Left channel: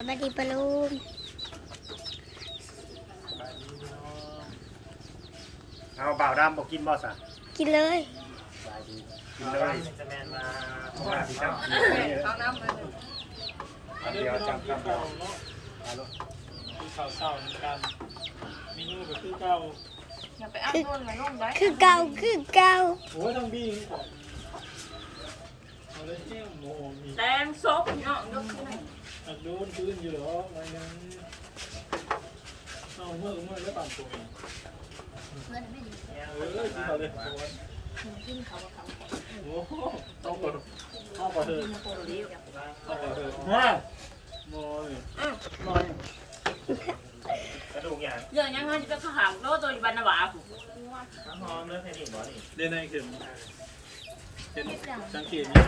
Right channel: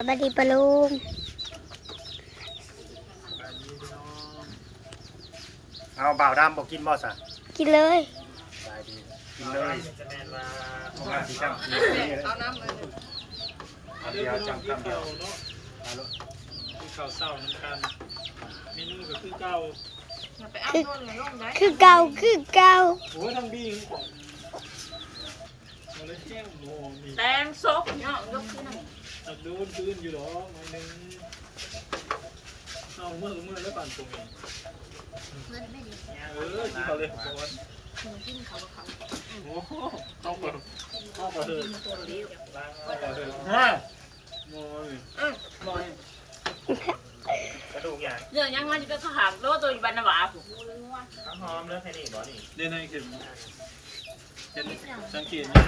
สวัสดีปะลุงบายดีพี่น้องเอาบ่าวดำบอกกินบ่สันกินเลยบายดีกินเลยจะแมนมาเอามาที่จังกินนี่เลยเอาเดียวจังคำเดียวเนาะเอาลูกคือข้าวเศร้าน้ำกันเมนูก็คือเก่าอย่าไปอ้างโน่นไงลงได้คือเก่าคือเก่าโอ้ยทั้งบี้ทั้งก่อนเอาเลยแก้วหมูมีแตงซกพี่น้องยกที่นั่น อักดูนคืนอยู่หรอหน่อยหนึงเอาเมื่อเมื่อแล้วปั่นตัวเองเออที่เขาเลยโอนกินเขากับเขาโอ้โหเข้าก่อนเข้าก่อนเถอะโคเรียวเข้าก่อนเถอะฮะมอเลยอืมบอยกระดูกอย่างเรื่องยังไงจะเป็นข้าวหางโลตัวอยู่บ้านนาวาผู้หอมเลยแค่นี้บ่นี่เล่นในเข็ม เป็นสังเกตยั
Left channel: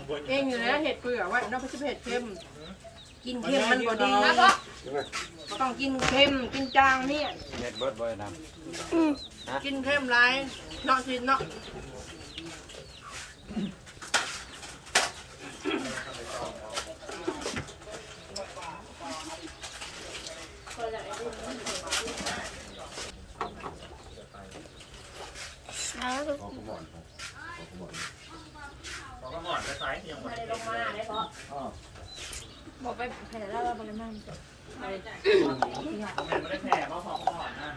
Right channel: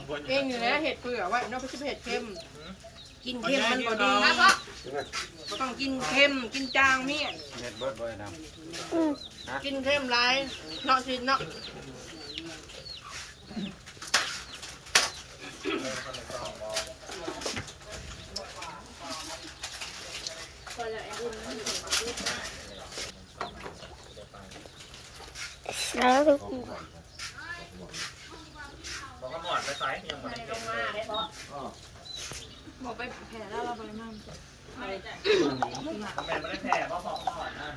งบนเองอยู่แล้วเห็ดเปลือกไว้นอกจากเห็ดเค็มกินเค็มมันบ่ดีนะก็ก็ต้องกินเค็มกินจางเนี่ยเม็ดเบิดบ่อยนะอืมกินเค็มหลายเนาะสิเนาะแล้วลูกบอก ก็หมอดไปใส่ยังบ่ได้ลงมาได้เพราะบอกไปแผ่แล้วเราบริมั่งแม่ไม่ได้แผ่เพราะของหมอดนะ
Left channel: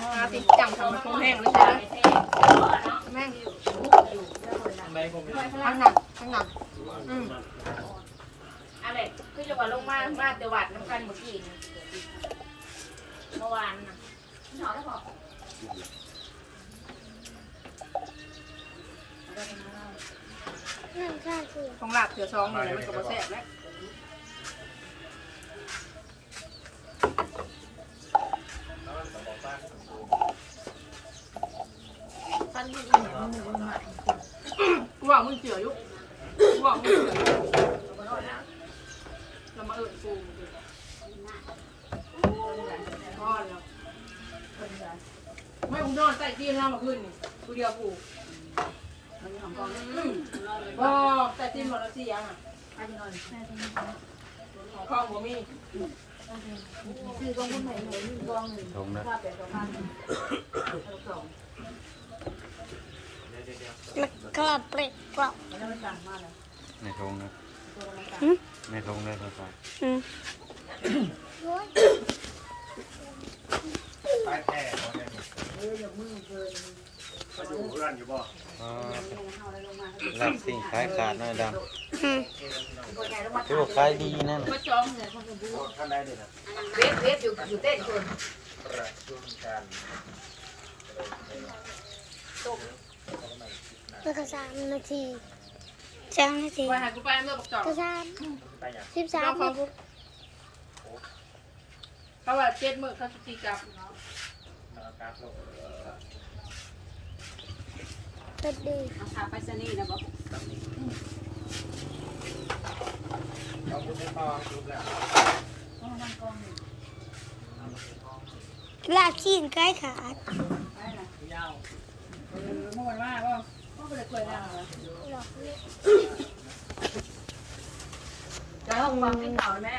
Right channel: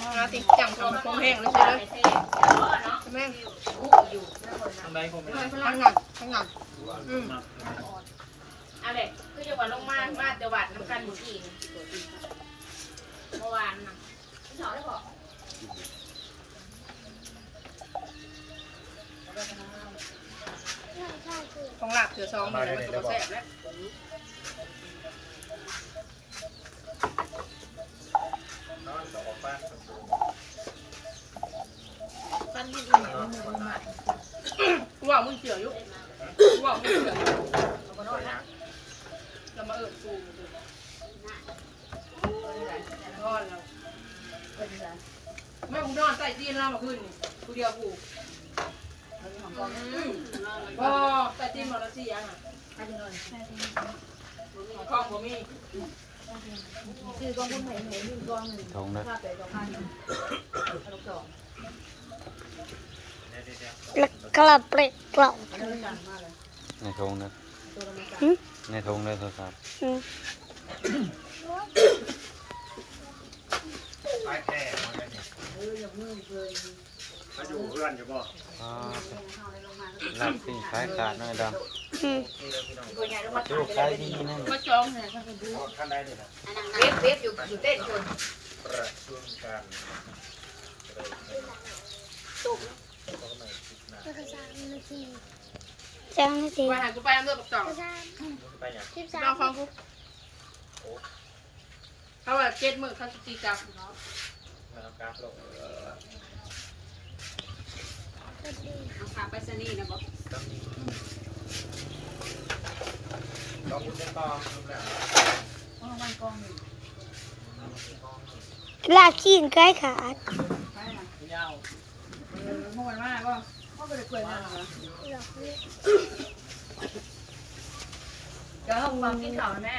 มาติดจังทำคงแห้งเลยใช่ไหมเท่เดี๋ยวเนาะแม่งทางใดผมไม่ได้ทั้งหนักทั้งหนักอืมอะไรคือจะว่าลงมาบ้านจังหวัดน้ำกันหมู่ที่เมื่อวานน่ะ ของลาดเถื่อซองนี่แหละมันก็บ่แซ่บแล้วฟันที่อีเหนียวมือมากูว่ามึงเสืออยู่กูว่ามึงเสืออยู่เรามาเอิญกูมึงทอดเราไม่มึงนอนใส่เตียนเรามาขึ้นกูเดียวกู อืมโอ้ใส่ตีนหมดแล้วสิยังข้องผมมีซื้อตรงนี้หน่อยหน่อยนี่ดวงหนึ่งทงนะแล้วกลับเปกกลับในทงนะในทงเลยโทรศัพท์อืมไปแผ่มันได้นี่ เขาอยู่เพื่อนอยู่บ่อ๋อรับสิ่งขายขาดหน่อยดอืมำลูกขายดีนั่นก็จองเนี่ยกันได้เด็ดเว็บเว็บอยู่อยู่เต้นคนประชุมการแล้วก็สามนาทีสามนาทีไปหากูไปน้ำเลือดปักจ่องสามไปอย่างสิบสาลอมงฟังกูเขาว่าเจ็ดมือเขาจะตีกลับ มากราฟลงก็ดีขาไปสนีนะบอกลองพูดได้ต่อรูปแล้วลากขี้ใกล้ขาดยาวเมื่อวันว่าขาไปเลยกล้วยมาเหรอหลอกลูกจะให้ฟังที่เขาแม่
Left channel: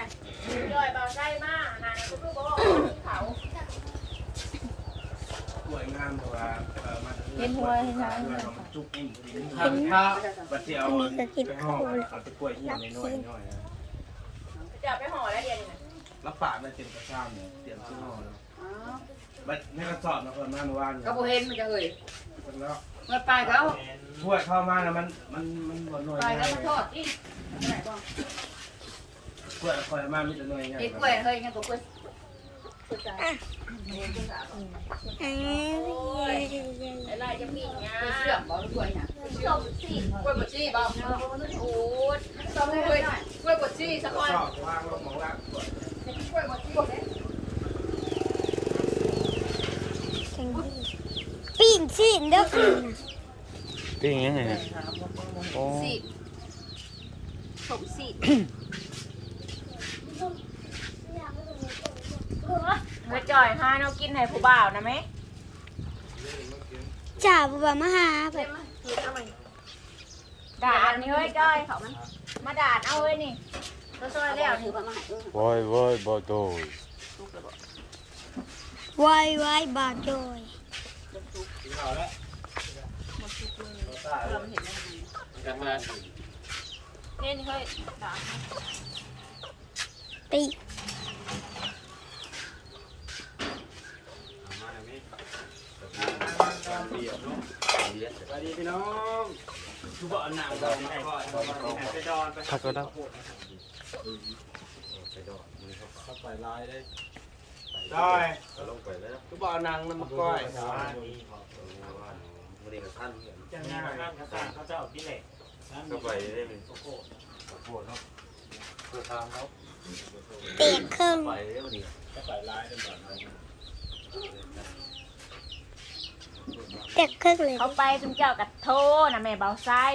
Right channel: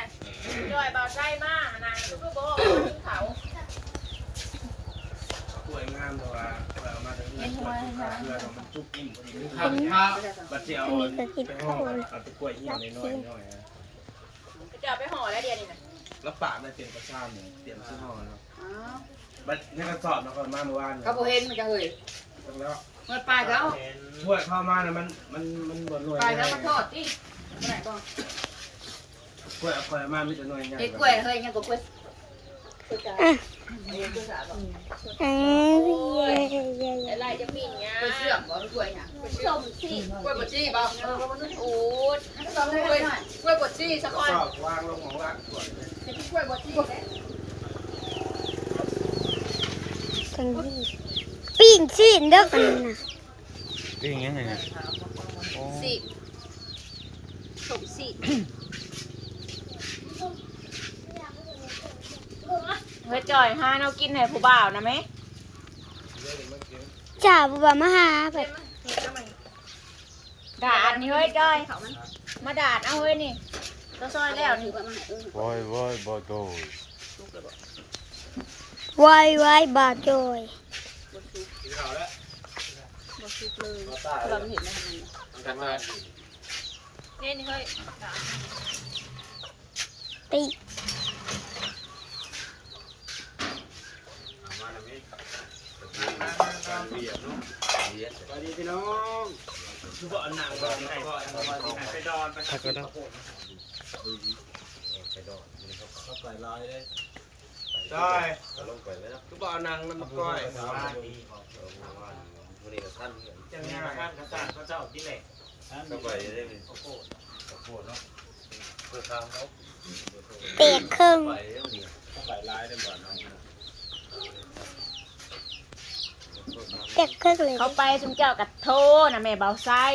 ด้วยบ่ใช่มากนะคือบ่เขาสวยงามแต่ว่า กินกล้วยขาดเพื่อนเอามันจุกอิ่มพอดีมันทำข้าวบัดเจียวอันนี้ก็กินไปห่ข้าอวเลยเอาตะกล้วยเหี่ยวน้อยๆน้อยนะจะเอาไปห่อแล้วเดี๋ยวนี้นะแล้วปากมันเป็นกระซ้ำเนี่ยเตรียมซื้อห่อแล้วบัดในกระสอบเราก็มาเมื่อวานเขาบอกเห็นมันจะเฮยแล้วเมื่อไปแล้วถ้วยเข้ามาแล้วมันมันมันบ่หน่วยไปแล้วมันทอดอีไหนบ้างกล้วยเอาคอยมามีแต่หน่วยไงเห็ดกล้วยเฮ้ยยังกับกล้วย อันนี้ย่เย่เย่อะไรจะมีเนี่ยกล้วยเชื่อมบ่หรือกล้วยเนี่ยส้มสีกล้วยบดชีบ่เออมันอูดต้องกล้วยกล้วยบดชีสักสก้อนวางลงของรักกล้วยกล้วยบดชีบ่แก่กันดีปิ้งชีนเด้อกันนะนี่ยังไงนี่ยโอ้สีสมสี เฮ้ย จ่อยห้าเรากินให้ผู้บ่าวนะไหมจ่าบัวมาหาแบบด่าอันนี้เฮ้ยจ่อยเขามันเมาดาดเอาเฮ้ยนี่ตัวซอยแล้วนี่โว้ยว้ยบ่โดยไว้ไว้ยบาดจอยกินข้าวแล้วกันเลยนี่นี่เฮ้ยตีแล้วมั้ยนั่งนั่งนั่งเบียดลูกเบียด สวัสดีพี่น้องทุกคนนั่งก่อนให้ให้ไปดอนไปถ้าก็ได้ไปดอนมันเข้าไปลายได้ได้ก็ลงไปแล้วก็บอกนางน้ำมาก้อยวันนี้วันนี้ก็ท่านเห็นจังงานท่านกระสันเขาจะเอาที่เหล็กก็ไปได้ไหมโคตรโคตรเนาะเพื่อทางเขาเตะครึ่งไปได้วันนี้ก็ไปลายได้บ่อนเนาะเครึ่งเลยเขาไปสมเจ้ากับโทนะแม่เบาไส้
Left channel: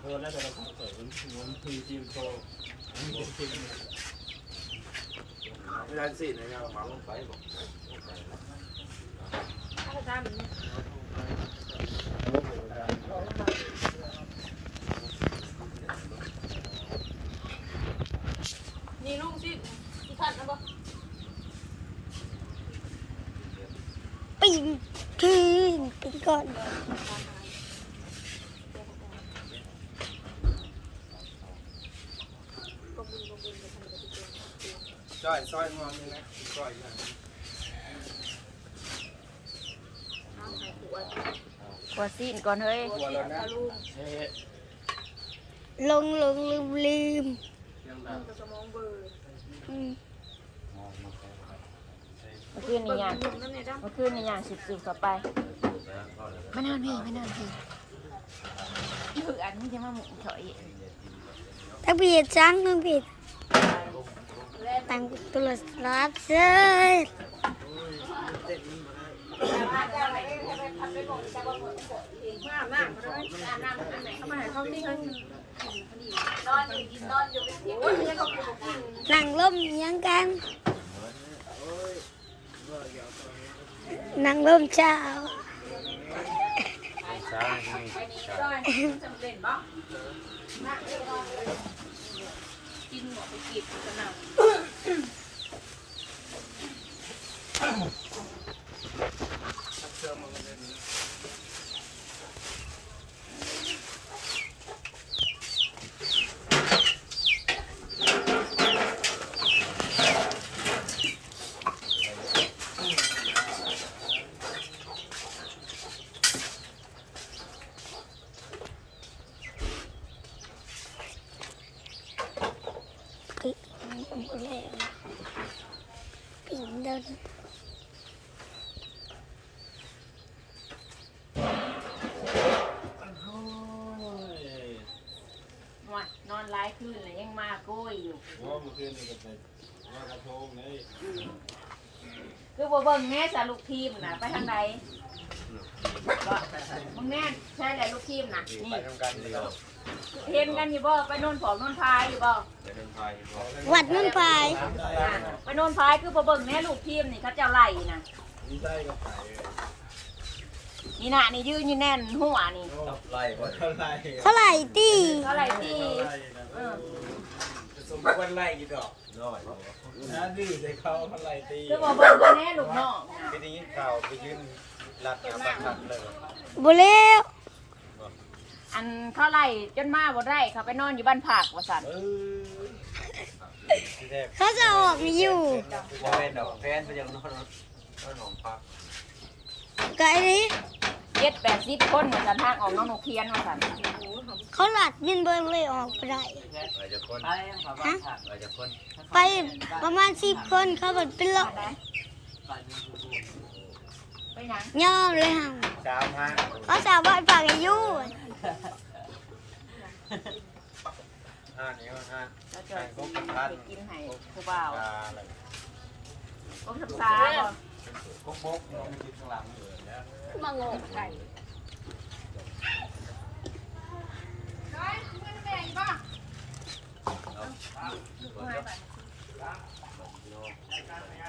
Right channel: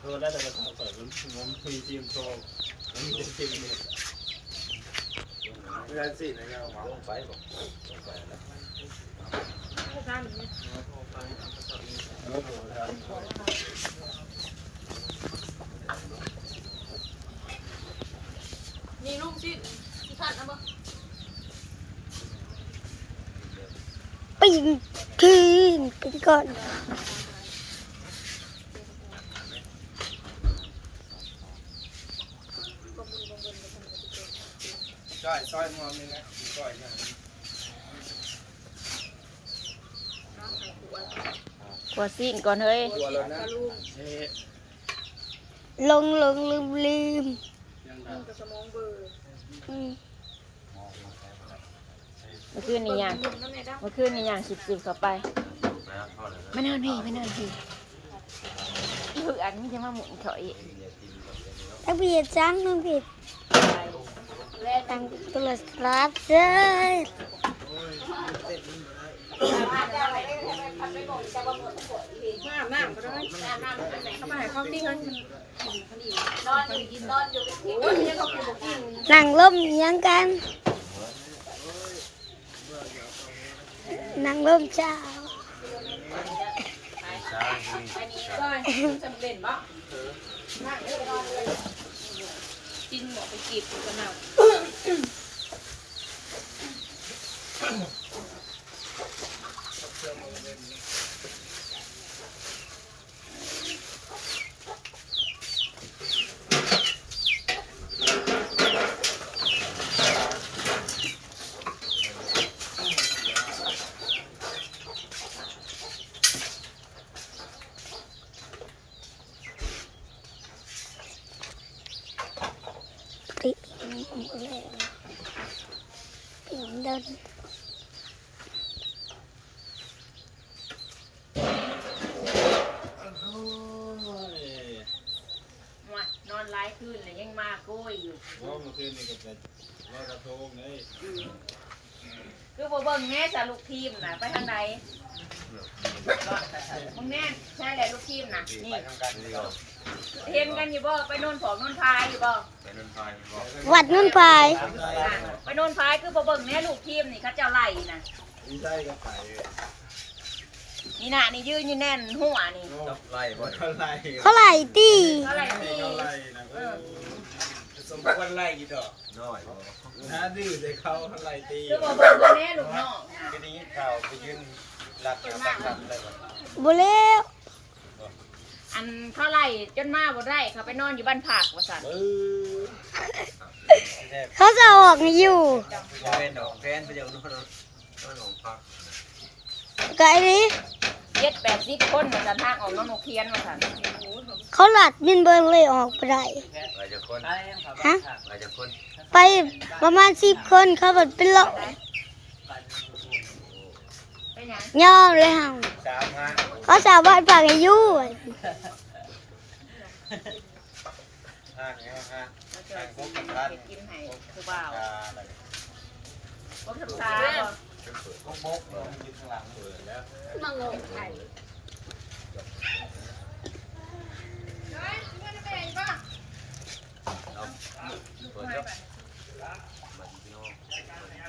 เออแล้วแต่เราเปิดผมมีทีมโชว์มีทีมเพื่อนสินะยังมาลงไปบอกลงไปแล้วนี่ลูกสิที่ท่านนะบ่ปีน ทีนกันก่อนจ้อยซอยงอมีไหมก้อยอย่างหัวซีนก่อนเฮ้ยตัวแล้วนะนี่ลงลงลืมลืมอืมเมื่อคืนนี่ยังเมื่อคืนนี่ยังสิบสิบเข้าไปไม่นอนพี่ไม่นอนพี่อีกอันนี้จะมาหมุนถอยถ้าเบียดจังมันผิดตั้งตัวรับเจ้ยนั่งล้มอิหยังกัน นังล้มเจ้าช้างที่นี่ช้าจำเป็นปะกินหมอไปจีบ แล้วปิ่งเดินนอนไล่คืนเลยยังมากุ้ยอยู่ว่าเมื่อคืนนี่ก็ไปลอยกระทงนี่ คือบ่เบิ่งแม่สาลูกทีมน่ะไปทางใดมึงแน่ใช่แหละลูกทีมน่ะนี่ไปทำการนี่ก็เห็นกันอยู่บ่ไปโน่นผอมโน่นพายอยู่บ่ไปนั่นพายไปบอกวัดนุ่นพายไปโน่นพายคือบ่เบิ่งแน่ลูกทีมนี่เขาเจ้าไล่น่ะนี่ใช่ก็ไปนี่น่ะนี่ยืนอยู่แน่นหัวนี่จับไล่บ่เท่าไรเขาไหลตี เขาไล่ที่เท่าไรนะ สมควรไล่กี่ดอกน้อยบ่นะดื้อใส่เขาเท่าไรตีคือบ่เบิ่งกันแน่ลูกน้องน่ะทีนี้ข่าวไปยืนรับกันเลยบุเล้วอันเขาไล่จนมาบ่ได้เขาไปนอนอยู่บ้านผักว่าซั่นเออที่แรกเขาจะออกอยู่ว่าเล่นดอกแฟนไปยังนอนนอนของพักไกลนี้เจ็ดแปดสิบคนเหมือนกันทางออกน้องนกเทียนว่าซั่น เขาหลัดบินเบิงเลยออกไปได้ไปจะคนฮะไปจะคนไปประมาณสิบคนเขาแบบเป็นเลาะเป็นหยังย่อเลยเฮาสามห้าเขาสาวบ้านฝากอายุห้าห้าห้าแล้วจะเฮ็ดกินให้ผู้บ่าวอะไรบ่ศึกษาบ่พวกพวกเรายืนข้างหลังเปิดแล้วมางงไข่ เปิดแล้วบัดพี่น้องบัดพี่